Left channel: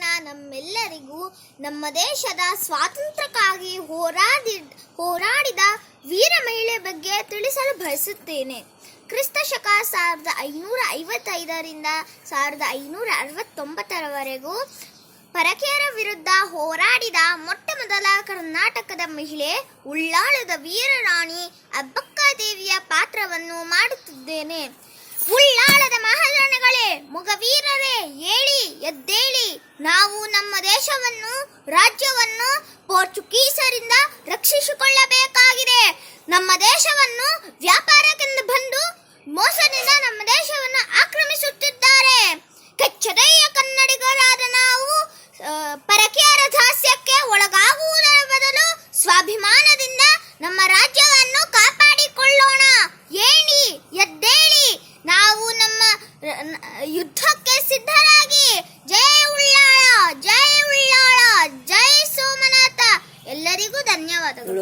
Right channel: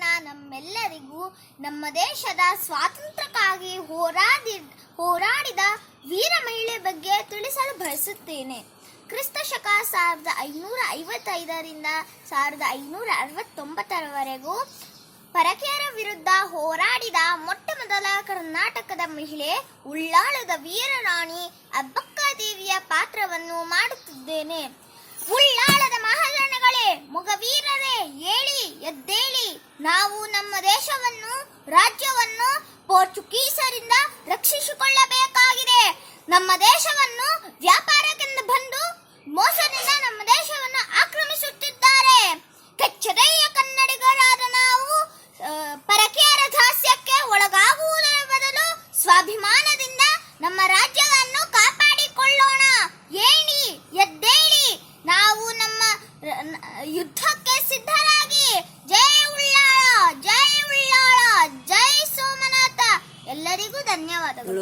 ಜಗತ್ತಿನ ನಮ್ಮೆಲ್ಲರಿಗೂ ನಮ್ಮ ದೇಶದ ಸ್ವಾತಂತ್ರ್ಯಕ್ಕಾಗಿ ಹೋರಾಡಿದ ವೀರ ಮಹಿಳೆ ಬಗ್ಗೆ ತಿಳಿಸಲು ಬಯಸುತ್ತೇನೆ. ಕ್ರಿಸ್ತ ಶಕ 1555ರಿಂದ 1569ರವರೆಗೂ ಪರಕೀಯರ ವಿರುದ್ಧ ಹೋರಾಡಿದ ಮೊಟ್ಟ ಮೊದಲ ಕರ್ನಾಟಕದ ಮಹಿಳೆ ಉಳ್ಳಾಳದ ವೀರರಾಣಿ ಅಬ್ಬಕ್ಕಾದೇವಿಯ ಪಾತ್ರವನ್ನು ಮಾಡುತ್ತಿದ್ದೇನೆ. ಉಳ್ಳಾಳದ ಮಹಾರಾಣಿಗಳೇ, ಮೊಗವೀರರೇ, ಏಳಿ ಎದ್ದೇಳಿ. ನಾವು ನಮ್ಮ ದೇಶವನ್ನು, ರಾಜ್ಯವನ್ನು ಪೋರ್ಚುಗೀಸರಿಂದ ರಕ್ಷಿಸಿಕೊಳ್ಳಬೇಕಾಗಿದೆ. ನಮ್ಮ ದೇಶವನ್ನು ವ್ಯಾಪಾರಕ್ಕೆಂದು ಬಂದು ಮೋಸದಿಂದ ನಮ್ಮ ದೇಶವನ್ನು ಆಕ್ರಮಿಸುತ್ತಿದ್ದಾರೆ. ಕೆಚ್ಚೆದೆಯ ಕನ್ನಡಿಗರಾದ ನಾವು ಪರಕೀಯರ ದಾಸ್ಯಕ್ಕೆ ಒಳಗಾಗುವುದರ ಬದಲು ಸ್ವಾಭಿಮಾನದಿಂದ ನಮ್ಮ ರಾಜ್ಯವನ್ನು ಕಾಪಾಡಿಕೊಳ್ಳೋಣ. ಏಳಿ ಎದ್ದೇಳಿ, ನಾವು ನಮ್ಮ ಯುದ್ಧಕ್ಕೆ ಸಿದ್ಧರಾಗಿ. ಜೈ ಉಳ್ಳಾಳ, ಜೈ ಉಳ್ಳಾಳ, ಜೈ ಸೋಮನಾಥ. ಎಲ್ಲರಿಗೂ ಧನ್ಯವಾದಗಳು.